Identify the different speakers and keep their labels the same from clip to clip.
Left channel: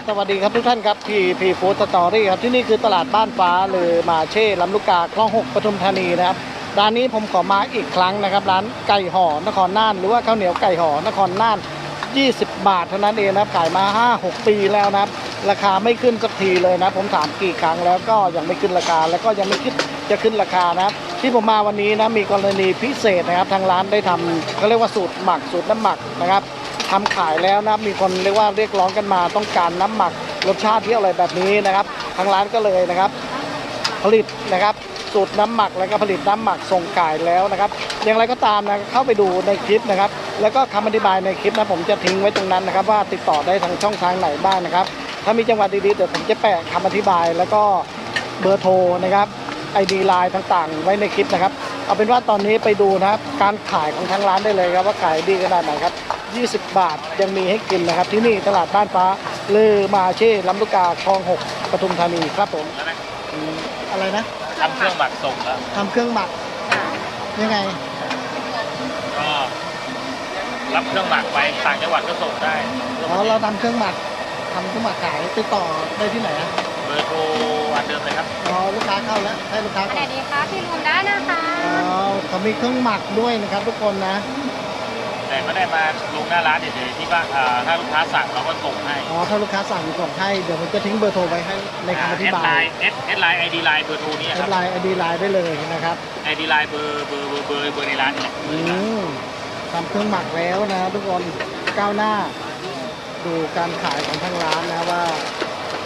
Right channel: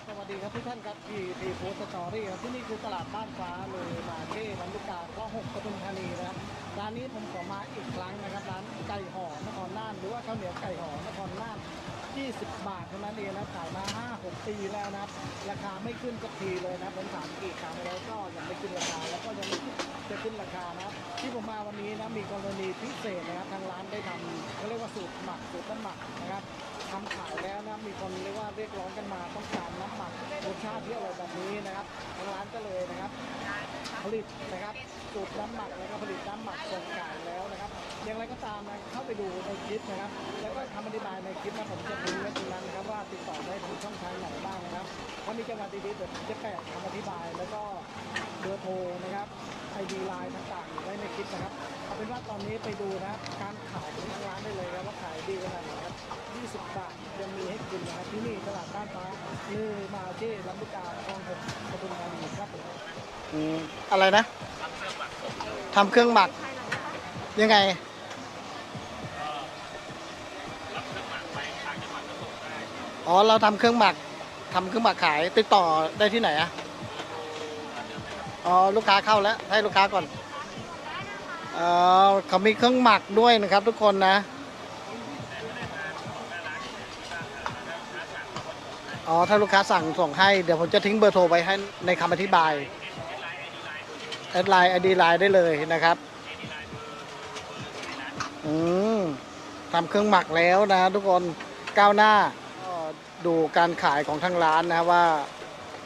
Speaker 1: บสวัสดีครับทุกท่านครับที่พีฟู้ดสตอรี่ครับที่นี่คือตลาดบ้านฟ้าหรือมาเช่ลำลูกกาคลองหกปทุมธานีนะครับร้านนี้ผมขอมาอีกครั้งนะครับ ร้านไก่ห่อนครน่าน หรือว่าข้าวเหนียวไก่ห่อนครน่าน 20 บาทเท่านั้นเองนะครับขายมา 5-6 ปีแล้วนะครับ ราคาไม่ขึ้นสักทีเลยนะ ผมถามกี่ครั้งแล้วก็ยังไม่ขึ้นราคาแล้วก็ยังไม่คิดจะขึ้นราคานะครับ ที่ผมมาวันนี้นะมีกรณีพิเศษนะครับ ทางร้านได้ทำเขาเรียกว่าสูตรหมักสูตรน้ำหมักนะครับ ทำขายแล้วนะมีคนเรียกว่าเรียกร้องกันมาต้องการน้ำหมักรสชาติที่อร่อยแบบนี้นะครับ ทางร้านก็เลยนะครับ ผลิตนะครับสูตรน้ำหมักแล้วก็ผลิตน้ำหมักส่งขายแล้วนะครับ อย่างไรก็ตามนะเข้าไปดูในคลิปนะครับ แล้วก็คำอธิบายในคลิปนะผมจะทิ้งไว้ตรงนั้นนะครับ ว่าติดต่อได้ทางช่องทางไหนบ้างนะครับ ถ้ามีจังหวัดดีๆเดี๋ยวผมจะแปะคำอธิบายแล้วก็เบอร์โทรนะครับไอดีไลน์ต่างๆ ไว้ในคลิปนะครับ เอาเป็นว่าตอนนี้ไปดูนะครับ การขายของทางร้านได้เลยครับว่าขายดีขนาดไหนครับ 20 บาทยังมีให้กินนะครับ ที่นี่ตลาดบ้านฟ้าเลอมาเช่ลำลูกกาคลองหกปทุมธานีครับผมอืมอะไรนะ
Speaker 2: ทำเครื่องหมักส่งแล้ว
Speaker 1: ทำเครื่องหมักยังไง
Speaker 2: ก็รับเครื่องหมักไปต่างจังหวัดก็ส่งได้
Speaker 1: อ๋อเราทำเครื่องหมักทำเครื่องหมักขายไปต่อได้ที่ไหนอะ
Speaker 2: เบอร์โทรอันเดิมเลยครับ
Speaker 1: อ๋อลูกค้าเข้าแล้วให้ลูกค้า
Speaker 3: ส
Speaker 1: ก่อ
Speaker 3: วันสดีค่ะพี่ลุงได้นะคะ
Speaker 1: อ๋อเขามีเครื่องหมักด้วยนะครับทุกคนนะ
Speaker 2: แต่ไม่ได้มาลงหน้าร้านเฉยๆที่ว่าอ่าถ้าลูกค้าสั่งเราก็ส่งให้
Speaker 1: อ๋อถ้าลูกค้าสั่งส่งให้เดี๋ยวผมจะทิ้งเบอร์โทรไว้ให้ในคำอธิบาย
Speaker 2: เอสเอสไลน์ไอดีไลน์เบอร์โทรนี่
Speaker 1: แอ
Speaker 2: ครั
Speaker 1: ด
Speaker 2: บ
Speaker 1: ไลน์ไอดีไลน์ได้เลยนะครับ
Speaker 2: ไอดีไลน์เบอร์เบอร์เบอร์เบอร์เบอร์ในร้านนี่แหละ
Speaker 1: อืมทำเครื่องหมักแล้วนะ ทุกคนก้าวหน้า ดูการขายของทางร้านนะว่า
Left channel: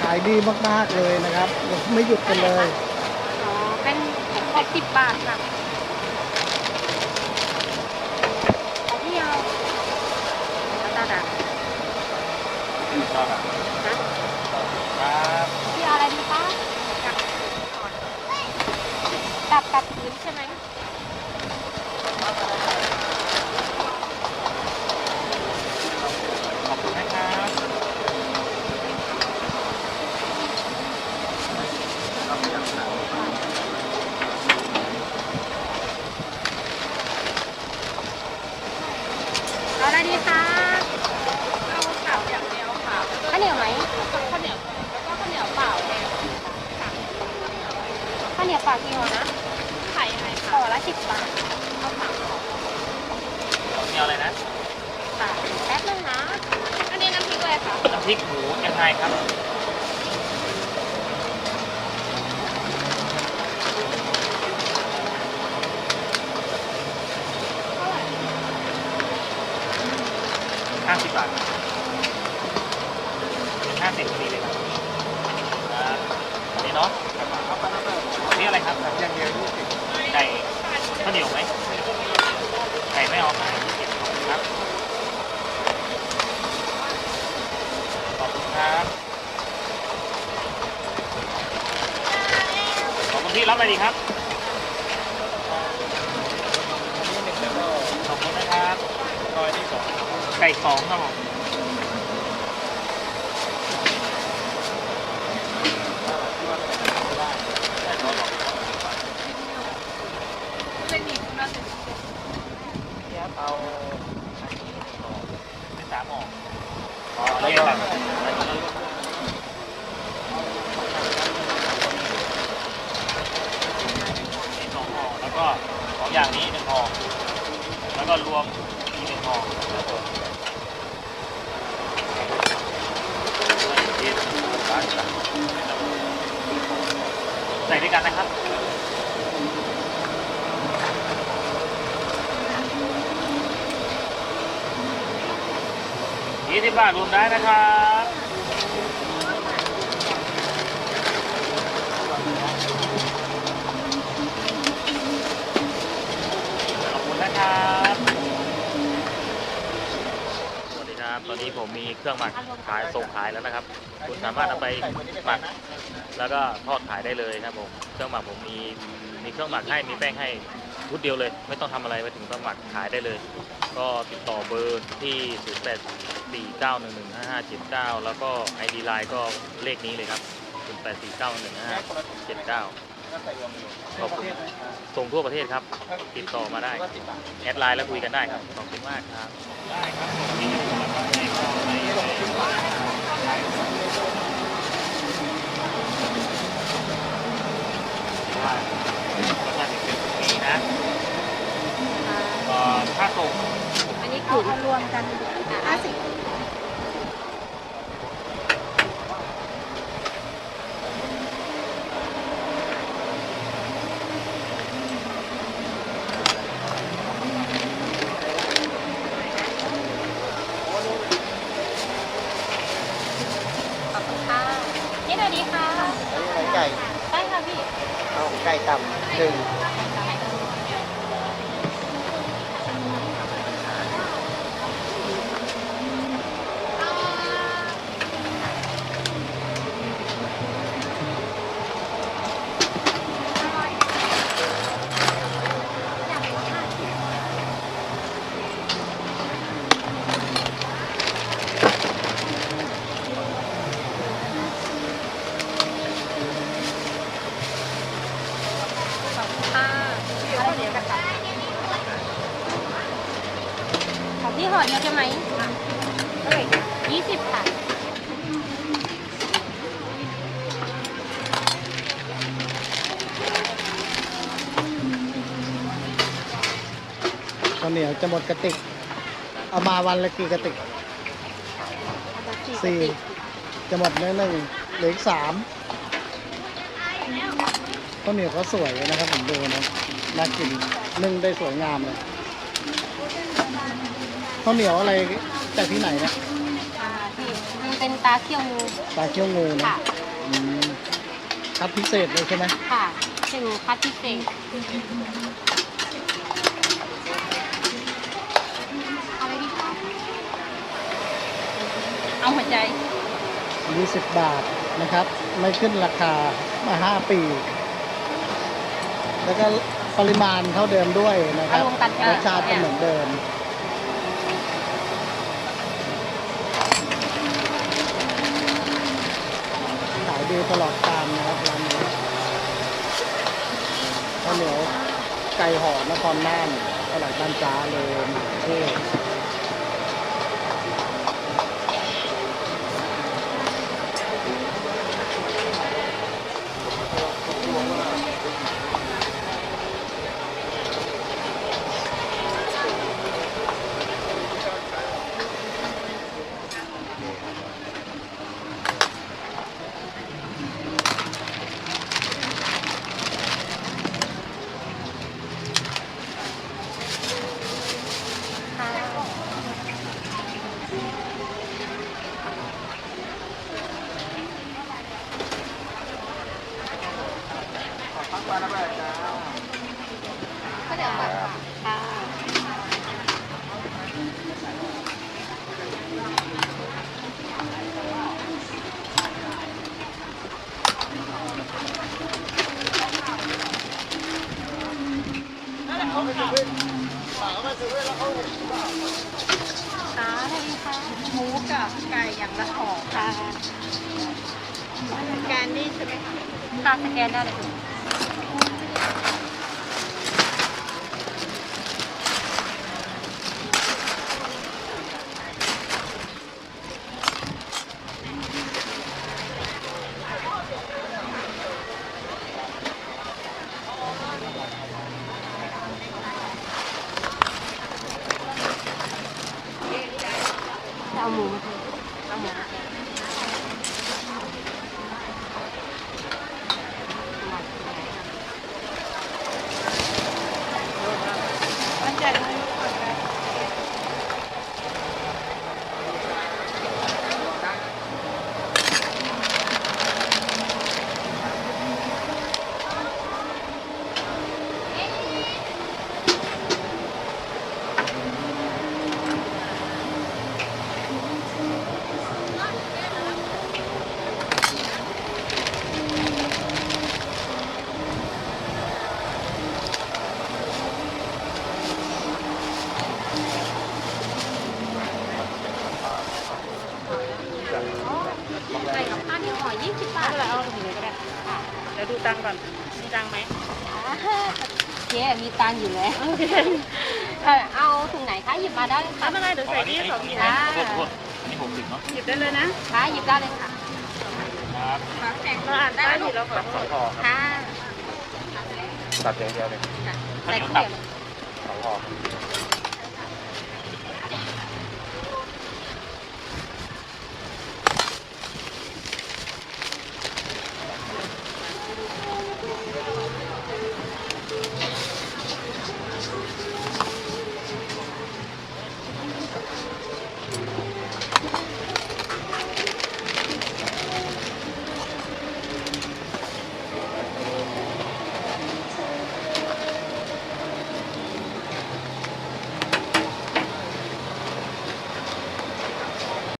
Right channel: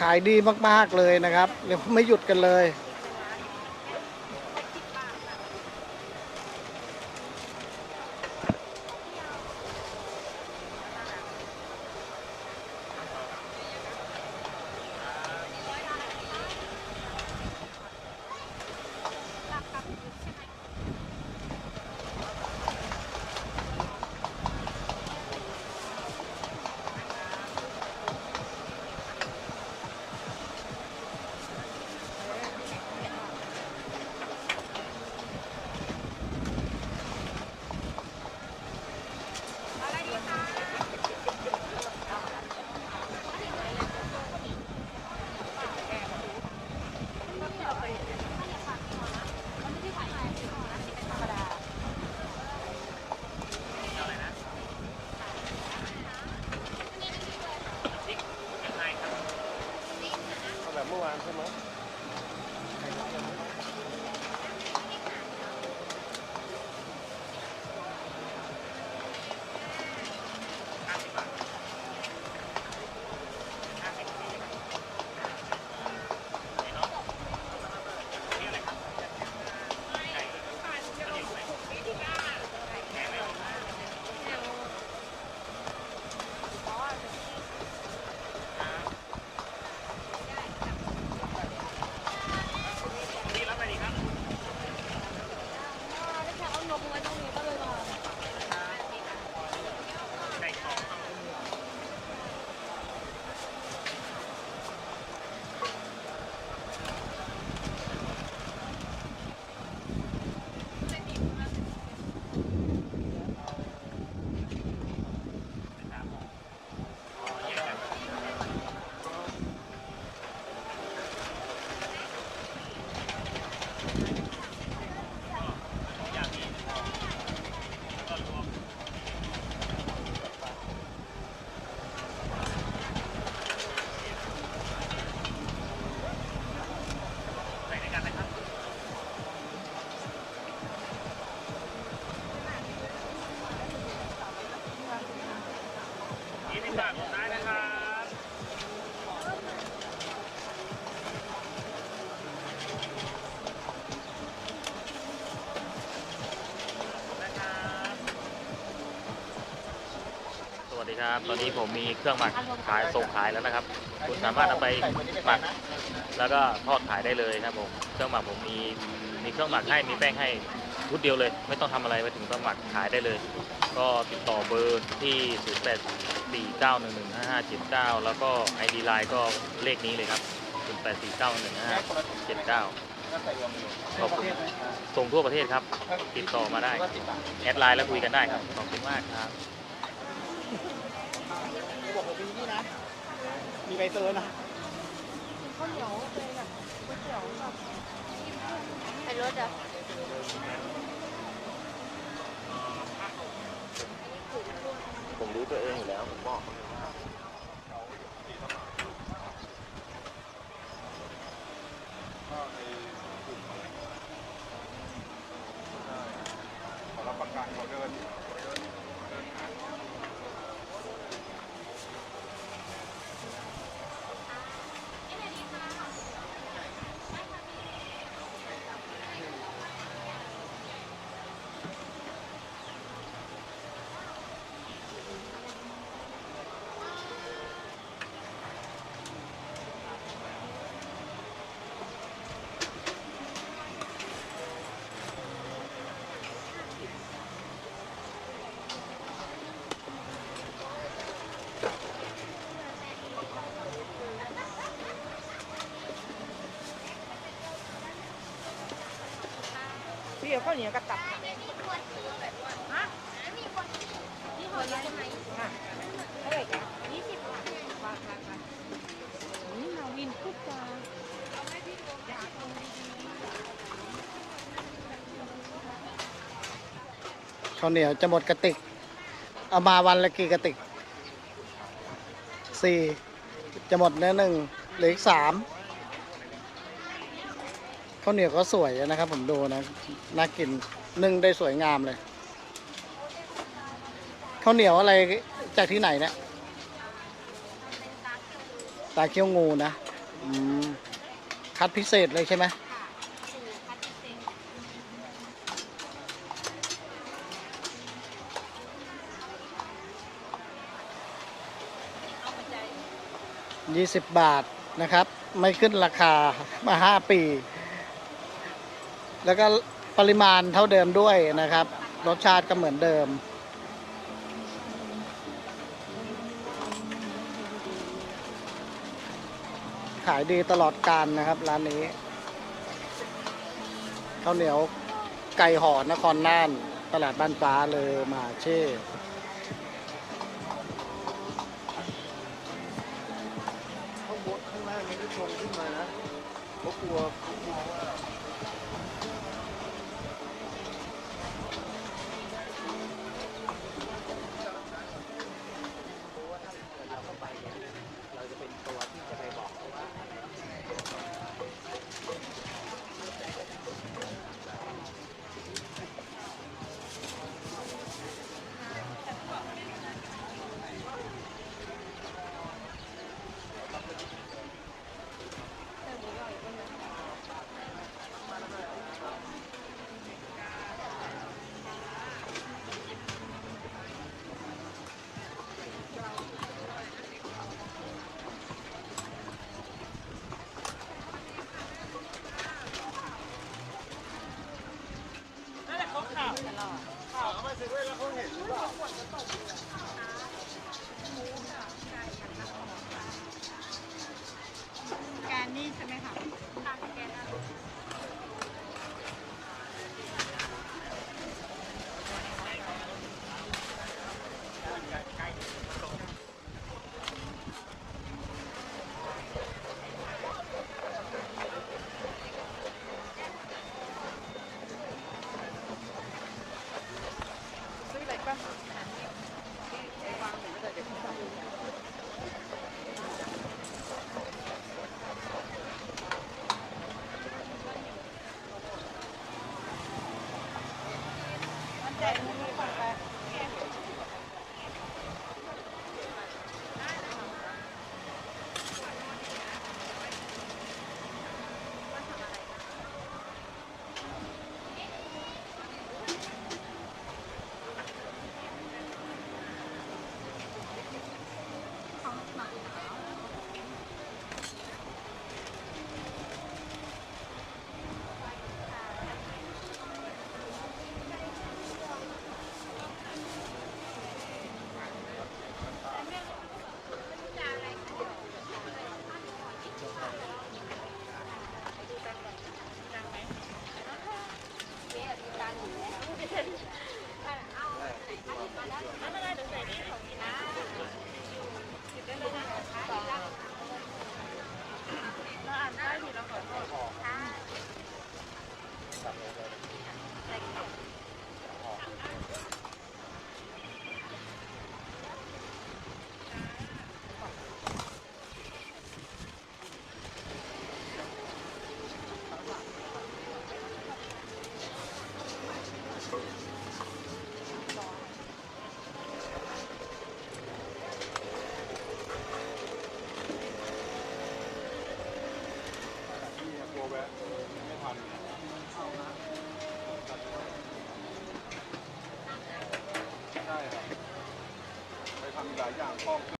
Speaker 1: ขายดีมากๆเลยนะครับยังไม่หยุดกันเลย
Speaker 3: อ๋อเป็นหกสิบบาทค่ะของพี่เอาแล้วตาดัก
Speaker 2: ก็แบบ
Speaker 3: นะครับ พี่เอาอะไรดีคะกับก่อนกับกับพื้นใช่ไหม
Speaker 2: ขอบคุณนะครับ
Speaker 3: เอาอะไรดีคะเอาขาวอย่างเดียวค่ะข้าวเหนียวไหมข้าวเหนียวแล้วก็ข้าวเหนียวเปล่าแดงข้าว เหนียวเปล่ากี่ห่อนะไข่ไข่ห่อละสิบบาทเอาสามห่อ
Speaker 2: มีอะไรนะ
Speaker 3: ค่ะแป๊บนึงนะ อันนี้น้ำพริกอะไรคะ
Speaker 2: น้ำพริกหมูยังไงครับ
Speaker 3: เท่าไหร่
Speaker 2: ห้าสิบบาทห้าสิบพอดีเลยครับอ่านี่เนาะนี่อะไรครับอย่างเดียวไก่ข้าวเหนียวไหมไก่ไม่เอาครับขอบคุณครับ ขอบคุณที่รับอะไรดีครับขอบคุณนะครับไก่สองครับผม เอาเป็นสามหม้ออ๋อแล้วก็สองห่อแล้วก็สองอย่างนี้หนึ่งห่อแล้ว ก็รวมอีกหนึ่งห่อใส่ด้วยกันนะครับยี่สิบบาทรวมได้นะครับขอบคุณนะครับ สวัสดีครับ ตอนนี้ผมมีเครื่องหมักขายส่งขายแล้วนะครับ คุณสามารถเอาไปหมักแล้วก็ทอดขายได้เลยครับผม เครื่องหมักผมมีมีเครื่องหมักให้มีแป้งให้ชุดเดียวเลย ไม่ต้องทำอะไรไปถึงก็หมักขายได้เลย ก็ติดต่อเบอร์ที่ 0 8 4 9 1 1 5 5 7 9 แล้วก็ ID Line ก็เลขนี้เลยครับ 0 8 4 9 1 5 7 9ขอบคุณส่งทั่วประเทศครับ ติดต่อมาได้ แอดไลน์แล้วคุยกันได้ครับ ขอบคุณมากครับ ถ้าศึกนะก็ค่าส่ง
Speaker 3: อันนี้คือรวมกันห้าสิบ ขอบคุณค่ะนี่หน่อยดีค่ะ
Speaker 1: ไก่
Speaker 3: ได้ค่ะพี่
Speaker 1: เอา ไก่ต่ำหนึ่ง
Speaker 3: ขอบคุณค่ะพี่เอาข้าวเหนียวกับตับของพี่ห่อเดียวใช่ไหมเท่าไหร่คะยี่สิบค่ะ
Speaker 1: ข้าวเหนียวจะหมดกระติก เอามาวันละกี่กระติกสี่จะหมดแล้วหนึ่งเหลืออีกสามข้าวเหนียวก็สวยนะครับผมดูนะน่ากินนึ่งได้สวยงามเลยข้าวเหนียวอะไรจากที่ไหนนะ
Speaker 3: อ่าพี่มันเป็นตาเคี่ยวงู
Speaker 1: ตาเคี้ยวงูนะ
Speaker 3: ค่ะ
Speaker 1: อืมคัดพิเศษเลยใช่ไหม
Speaker 3: ค่ะเป็นคัดพิเศษ เอาหัวใจ
Speaker 1: 20 บาทนะครับ ไม่ขึ้นราคามา 5 ปี แล้วก็ปริมาณเท่าเดิมด้วยนะครับ
Speaker 3: รวมกัน
Speaker 1: รสชาติก็เหมือนเดิม ขายดีตลอดกาลนะครับร้านนี้ข้าวเหนียวไก่ห่อนครน่านตลาดบ้านจ้าเลยหมาเช่
Speaker 3: ค่ะสวัสดีค่ะ
Speaker 4: หมูกับไก่อย่างละห่อ
Speaker 3: ค่ะ
Speaker 4: สแกนนี่ใช่ไหมคะ
Speaker 3: ตาสแกนได้เลย เอาหมูมาสิเอาหมูมาสิ
Speaker 4: มันใจมือก่อนไป
Speaker 3: ไก่กับข้าวนี่ห่อยี่สิบบาท
Speaker 4: ไม่เป็นไรเอาถุงเลยก็ได้เดี๋ยวดู ตังค์ก่อน มีตังค์ไหม
Speaker 3: เจ๊มีตังค์อยู่แล้วเออเอาถุงไหนคะหยิบมาได้เลย
Speaker 4: ไม่
Speaker 3: ค่ะ
Speaker 4: เป็นไรเดี๋ยวใส่นี่สองถุงนะ
Speaker 3: ค่ะ
Speaker 2: โทษโทษนี่หกสิบเนาะ
Speaker 4: หยิบได้เลยนะ
Speaker 3: ค่ะหยิบได้เลยค่ะ
Speaker 2: ครับ
Speaker 4: เราอ่านได้ผิดเราขอ
Speaker 2: ตับ
Speaker 4: โท
Speaker 2: สอง
Speaker 4: ษ
Speaker 2: ห่อครับ
Speaker 3: ค่ะ
Speaker 2: ตับอย่างเดียวเลย
Speaker 3: ใส่ข้าวเหนียว
Speaker 2: สองห่อ